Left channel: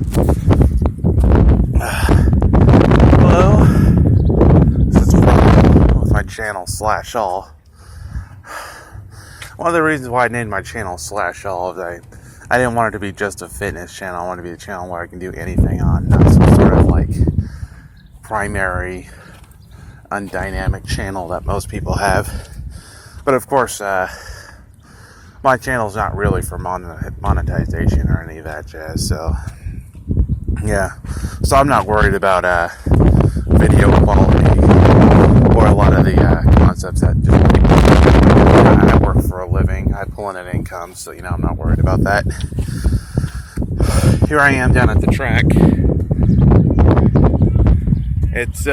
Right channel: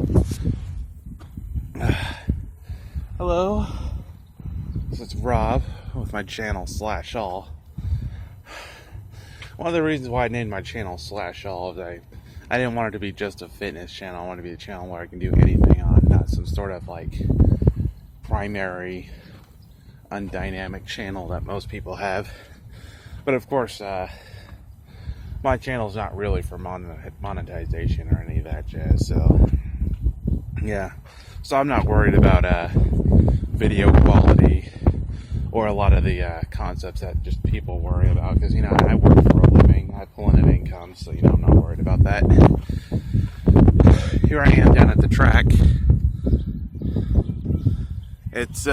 Hello. This is Will with my channel /all. One of the reasons why I named my channel /all is I didn't want it to be just a fitness channel. I wanted it to be a channel where I can do anything on, not some sort of like primary undynamic channel that most people have. But of course, my channel's not really for monetization or any of that jazz, so yeah. So I'm not worried about video quality or a lot of the concepts that just people. I work for a living, I pull in an income, so I'm not worried about that. Here I am down at the track. It's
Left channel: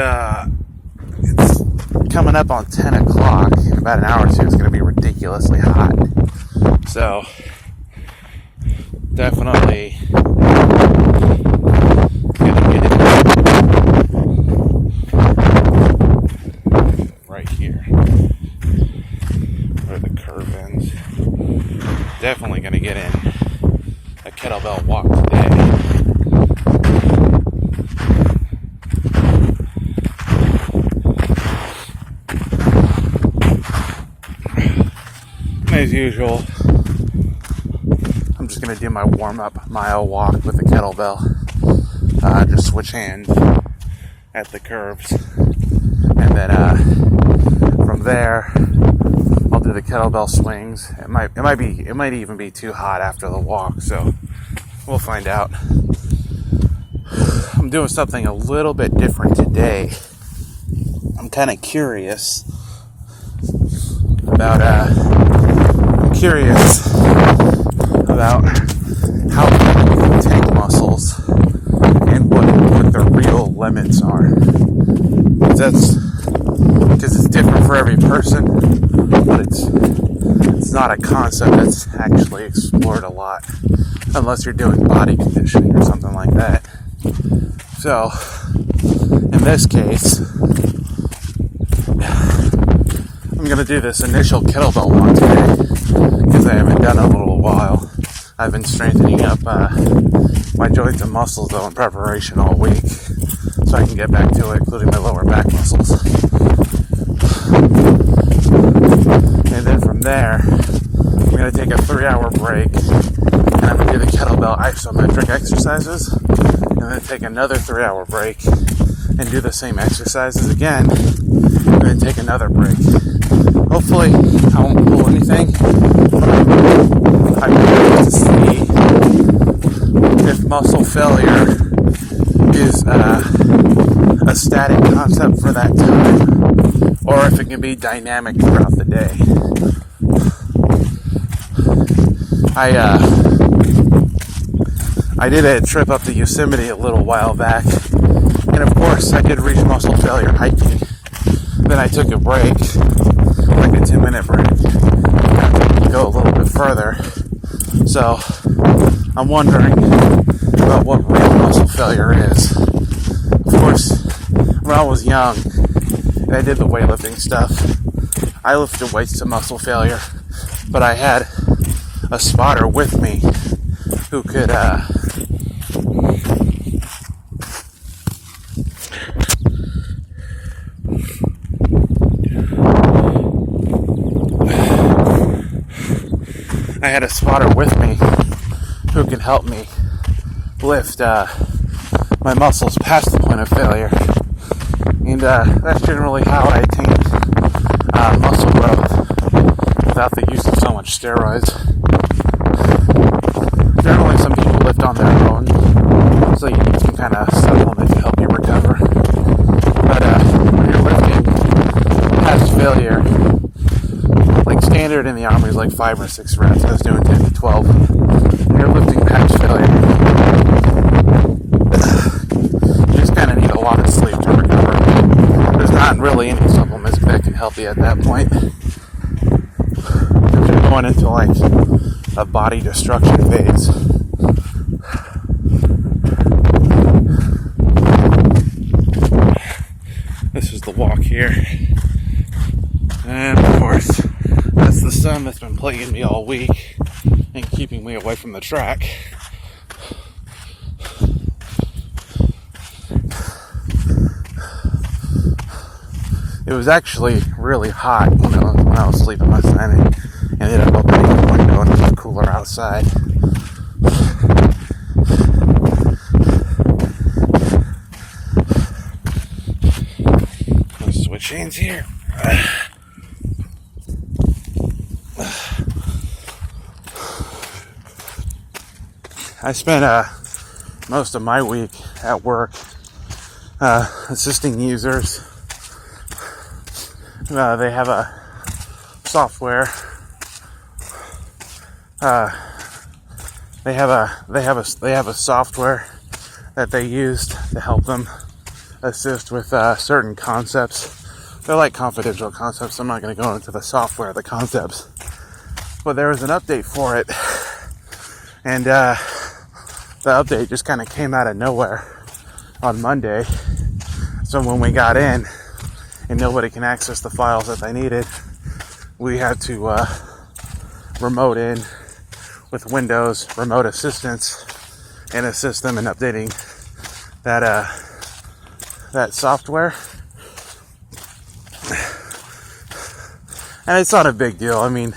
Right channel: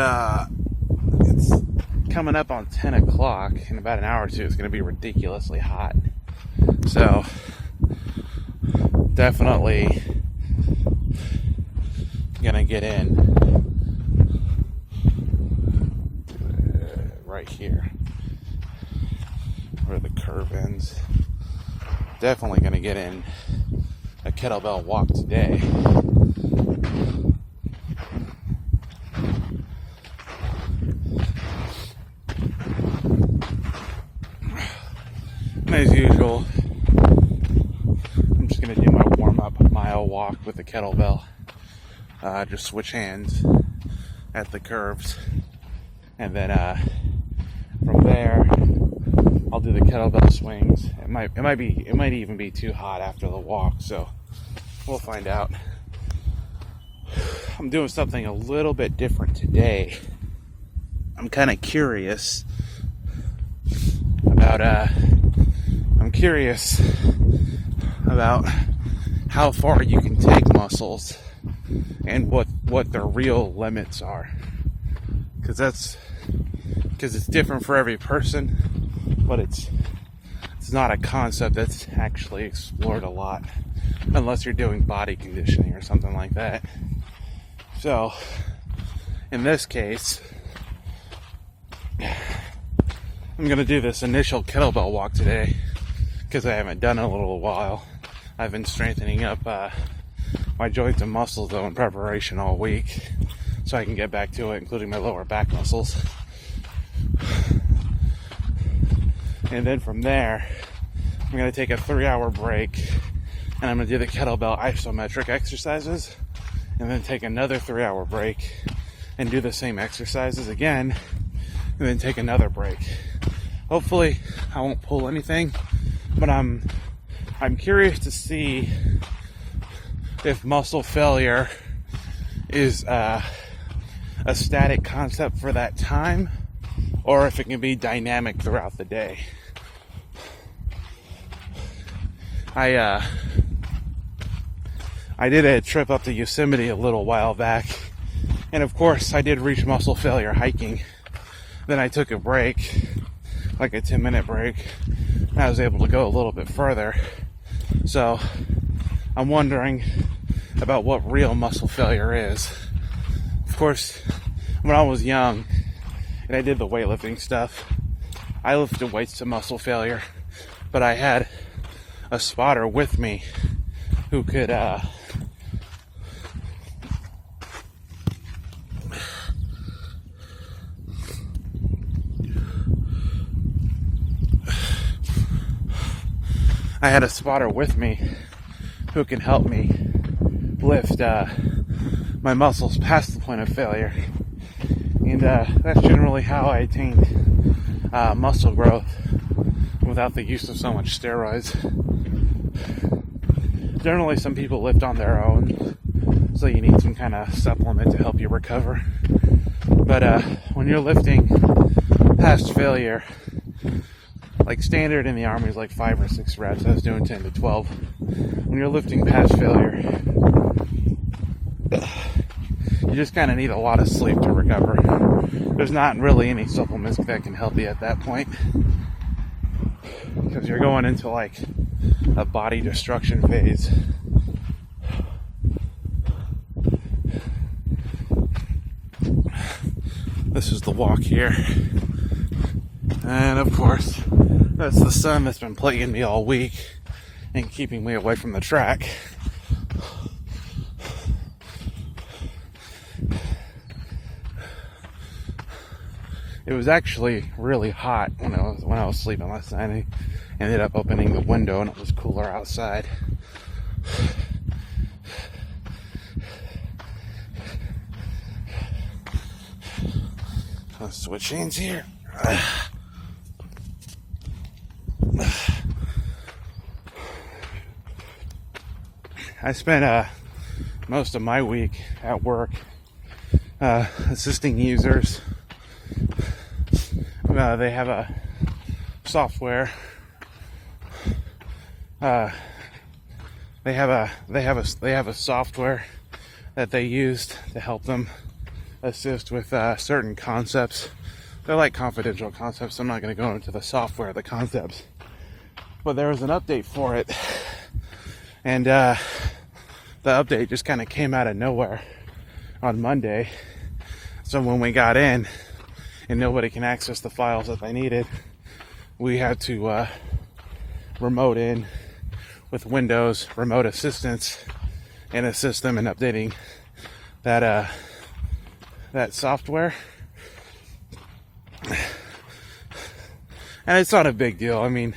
coming up on 10 o'clock. In about an hour or two, it's going to be ridiculously hot. So, definitely going to get in right here where the curve ends. Definitely going to get in a kettlebell walk today. As usual, I'm just going to do my warm-up mile walk with the kettlebell. Just switch hands at the curves. And then from there, I'll do the kettlebell swings. It might even be too hot after the walk, so we'll find out. I'm doing something a little bit different today. I'm kind of curious about how far you can take muscles and what the real limits are. Because it's different for every person, but it's not a concept that's actually explored a lot, unless you're doing body conditioning or something like that. So, in this case, I'm going to do this initial kettlebell walk today, because I haven't done it in a little while. I've been strengthening up my joints and muscles, though, in preparation all week, so I can get back to it, including my lower back muscles. And then from there, I'm going to take a 3-hour break, and I'm going to do the kettlebell isometric exercises, and then take another 3-hour break, and do the same exercises again, and then take another break. Hopefully, I won't pull anything, but I'm curious to see if muscle failure is a static concept for that time, or if it can be dynamic throughout the day. I did a trip up to Yosemite a little while back, and of course I did reach muscle failure hiking. Then I took a break, like a 2-minute break, and I was able to go a little bit further. So, I'm wondering about what real muscle failure is. Of course, when I was young, and I did the weightlifting stuff, I lifted weights to muscle failure, but I had a spotter with me who could, I had a spotter with me who can help me lift my muscles past the point of failure. And that's generally how I attain muscle growth without the use of so much steroids. Generally, some people lift on their own, so you need to kind of supplement to help you recover. But when you're lifting past failure, like standard in the Army is like 5 or 6 reps, I was doing 10 to 12. When you're lifting past failure, you just kind of need a lot of sleep to recover. There's not really any supplements that can help you at that point. If you're going into like a body destruction phase. This is the walk here. And of course, that's the sun that's been plaguing me all week and keeping me away from the track. was actually really hot when I was sleeping last night. I ended up opening the window and it was cooler outside. Let's switch hands here. I spent most of my week at work assisting users. They have a software. They have a software that they used to help them assist with certain concepts. They're like confidential concepts. So I'm not going to go into the software, the concepts. But there was an update for it, and the update just kind of came out of nowhere on Monday. So when we got in and nobody can access the files that they needed, we had to remote in with Windows remote assistance and assist them in updating that software. And it's not a big deal. I mean,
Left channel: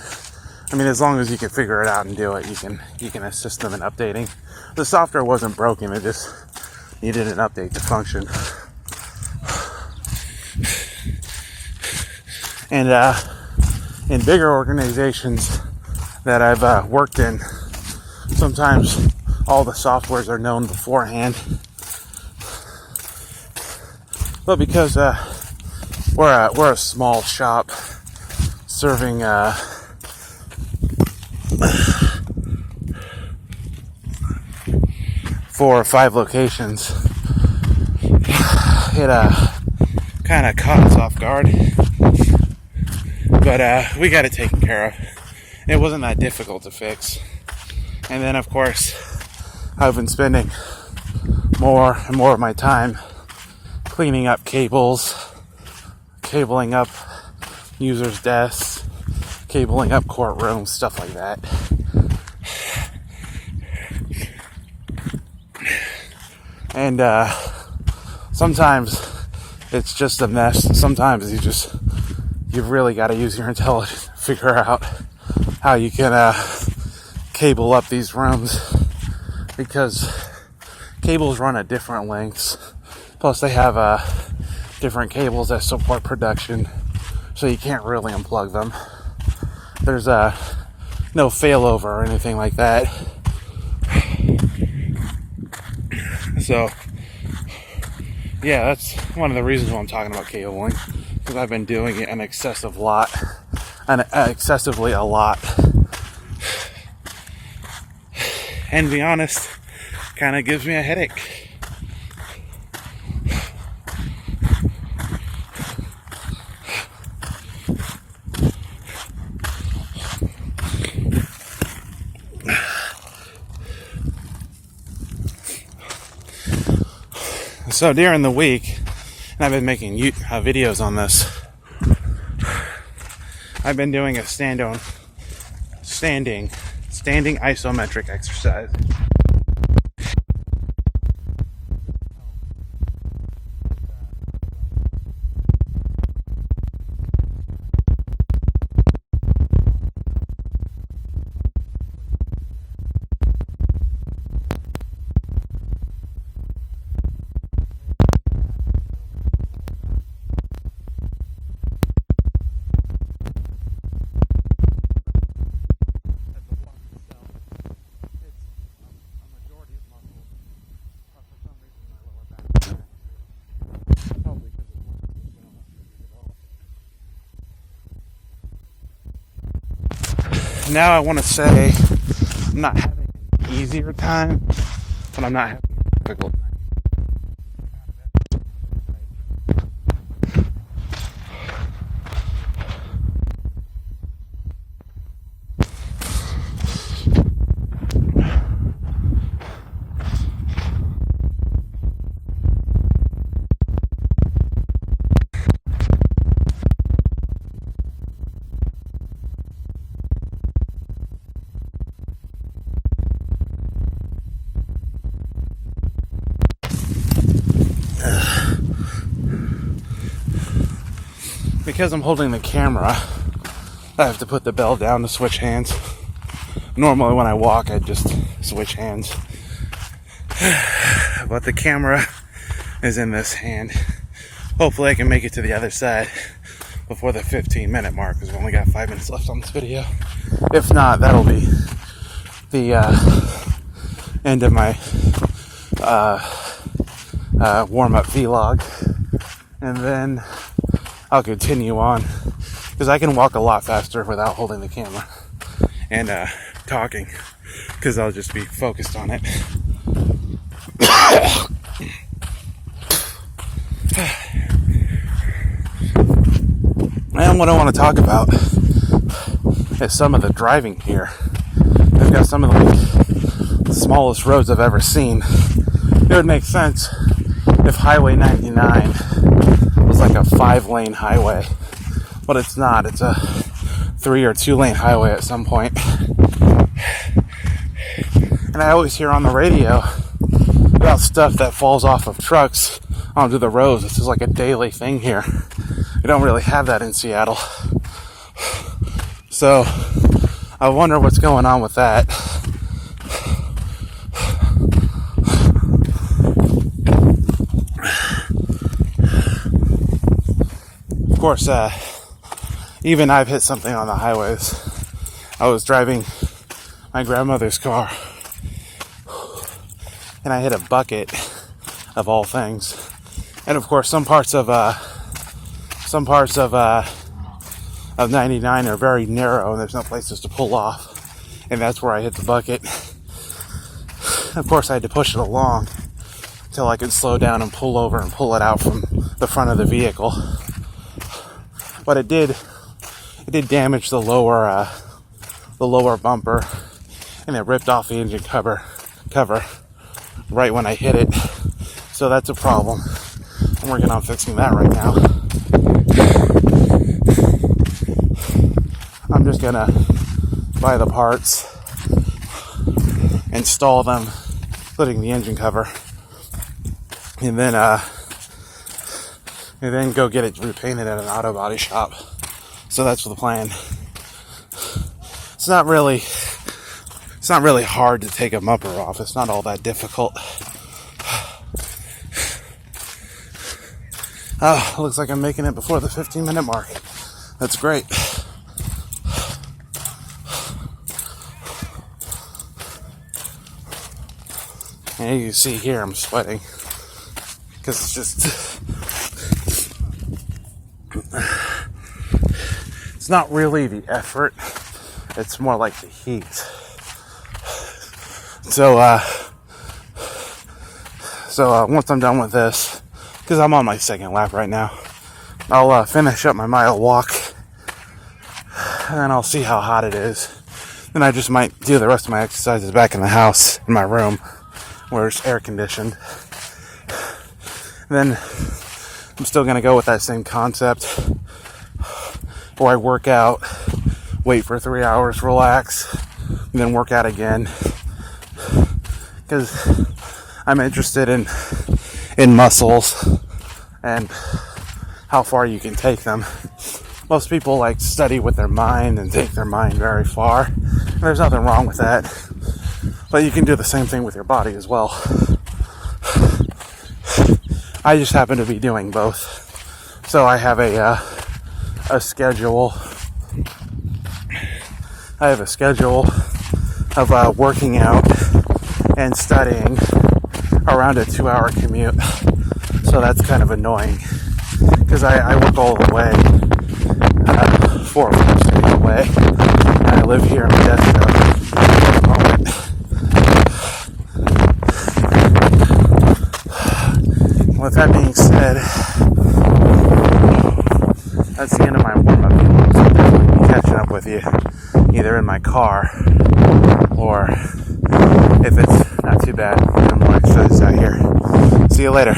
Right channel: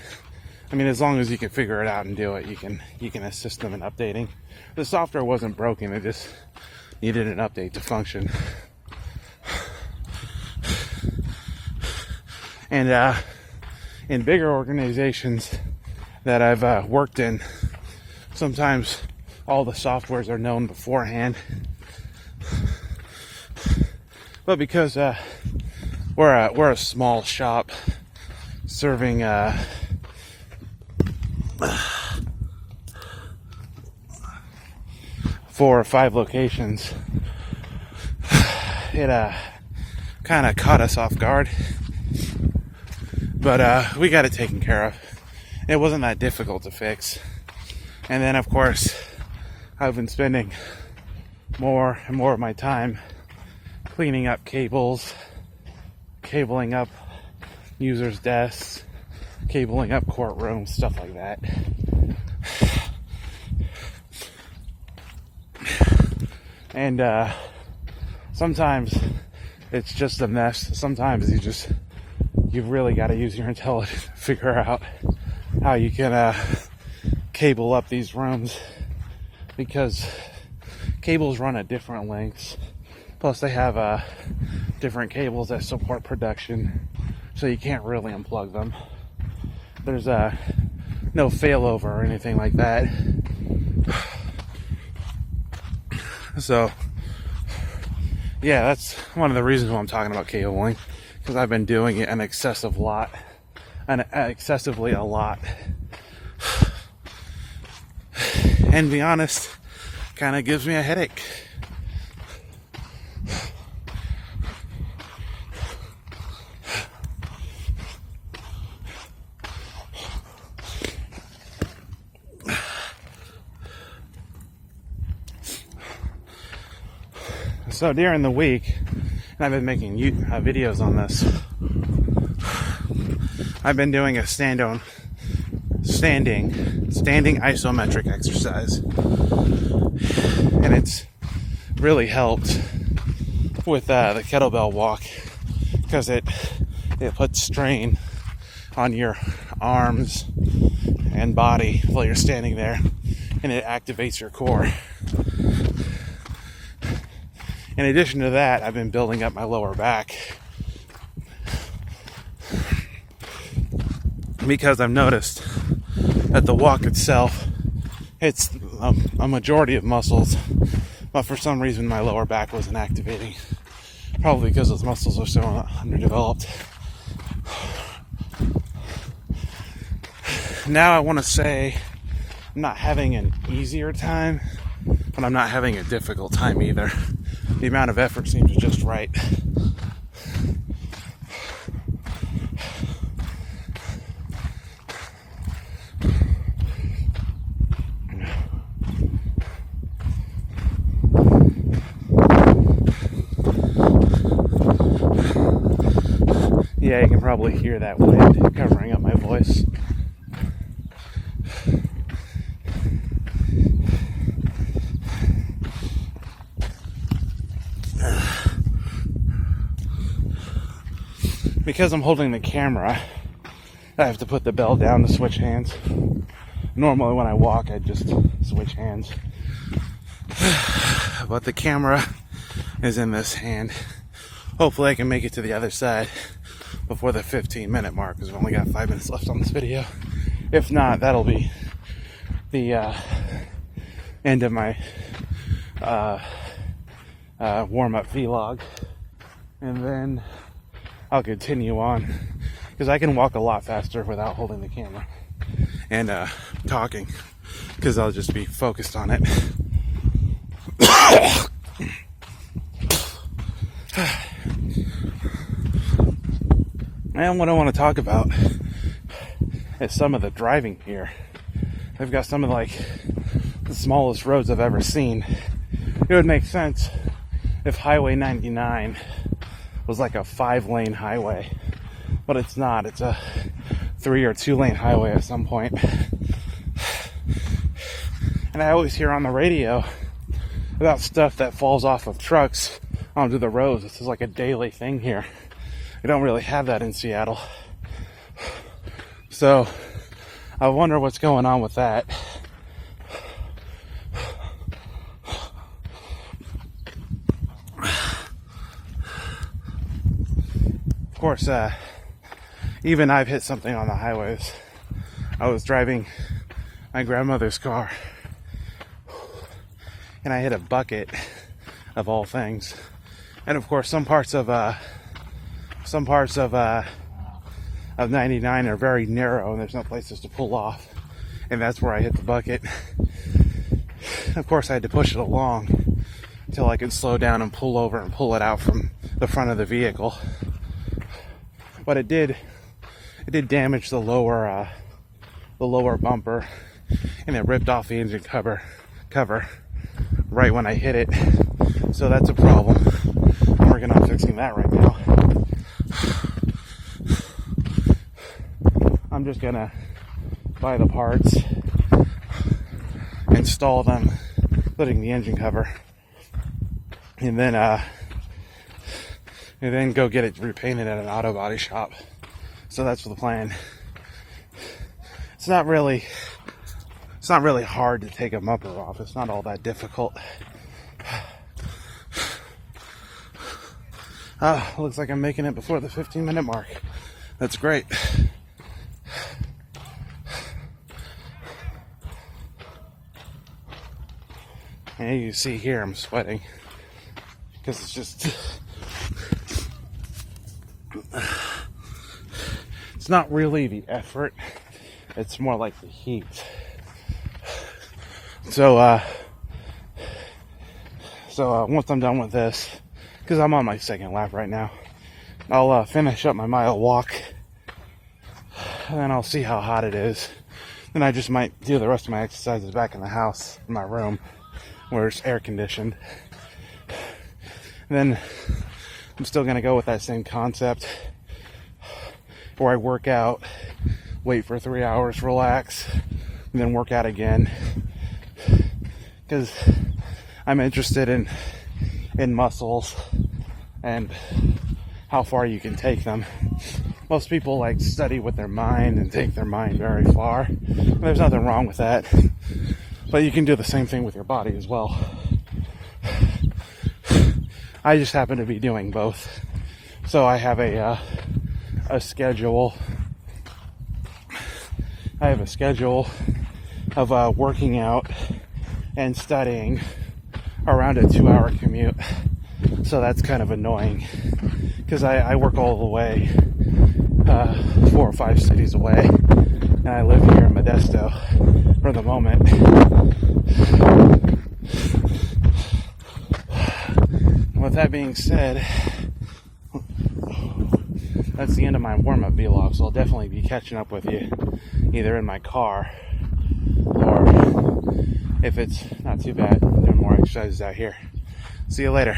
as long as you can figure it out and do it, you can assist them in updating. The software wasn't broken; it just needed an update to function. And in bigger organizations that I've worked in, sometimes all the softwares are known beforehand. But because we're a small shop serving 4 or 5 locations, it kind of caught us off guard. But we got it taken care of. It wasn't that difficult to fix. And then, of course, I've been spending more and more of my time cleaning up cables, cabling up users' desks, cabling up courtrooms, stuff like that. And sometimes it's just a mess. Sometimes you've really got to use your intelligence to figure out how you can cable up these rooms, because cables run at different lengths. Plus they have different cables that support production, so you can't really unplug them. There's no failover or anything like that. So yeah, that's one of the reasons why I'm talking about cabling, because I've been doing it excessively a lot. And to be honest, kind of gives me a headache. So during the week, I've been making videos on this. I've been doing a standing isometric exercise, and it's really helped with the kettlebell walk, because it puts strain on your arms and body while you're standing there, and it activates your core. In addition to that, I've been building up my lower back, because I've noticed that the walk itself, it's a majority of muscles, but for some reason my lower back wasn't activating. Probably because those muscles are so underdeveloped. Now I want to say I'm not having an easier time, but I'm not having a difficult time either. The amount of effort seems just right. Yeah, you can probably hear that wind covering up my voice. because I'm holding the camera, I have to put the bell down to switch hands. Normally when I walk, I just switch hands. But the camera is in this hand. Hopefully I can make it to the other side before the 15-minute mark, because I've only got 5 minutes left on this video. If not, that'll be the end of my warm-up vlog. And then I'll continue on, because I can walk a lot faster without holding the camera and talking, because I'll just be focused on it. And what I want to talk about is some of the driving here. I've got some of the smallest roads I've ever seen. It would make sense if Highway 99 was like a 5-lane highway, but it's not. It's a 3 or 2-lane highway at some point. And I always hear on the radio about stuff that falls off of trucks onto the roads. This is like a daily thing here. We don't really have that in Seattle. So I wonder what's going on with that. Of course, even I've hit something on the highways. I was driving my grandmother's car, and I hit a bucket, of all things. And of course, some parts of 99 are very narrow, and there's no places to pull off. And that's where I hit the bucket. Of course, I had to push it along until I could slow down and pull over and pull it out from the front of the vehicle. But it did damage the lower bumper, and it ripped off the engine cover right when I hit it. So that's a problem. I'm working on fixing that right now. I'm just gonna buy the parts, install them, including the engine cover, and then go get it repainted at an auto body shop. So that's the plan. It's not really hard to take a bumper off. It's not all that difficult. Oh, looks like I'm making it before the 15-minute mark. That's great. Now you can see here I'm sweating, because it's just, it's not really the effort, it's more like the heat. So once I'm done with this, because I'm on my second lap right now, I'll finish up my mile walk, and then I'll see how hot it is. Then I just might do the rest of my exercises back in the house, in my room, where it's air conditioned. Then I'm still going to go with that same concept, where I work out, wait for 3 hours, relax, and then work out again. Because I'm interested in muscles and how far you can take them. Most people like to study with their mind and take their mind very far. And there's nothing wrong with that. But you can do the same thing with your body as well. I just happen to be doing both. So I have a schedule. I have a schedule of working out and studying around a 2-hour commute. So that's kind of annoying, because I work all the way 4 or 5 cities away, and I live here in Modesto at the moment. With that being said, that's the end of my warm-up video, so I'll definitely be catching up with you either in my car, or if it's not too bad, I'm more exercise out here. See you later.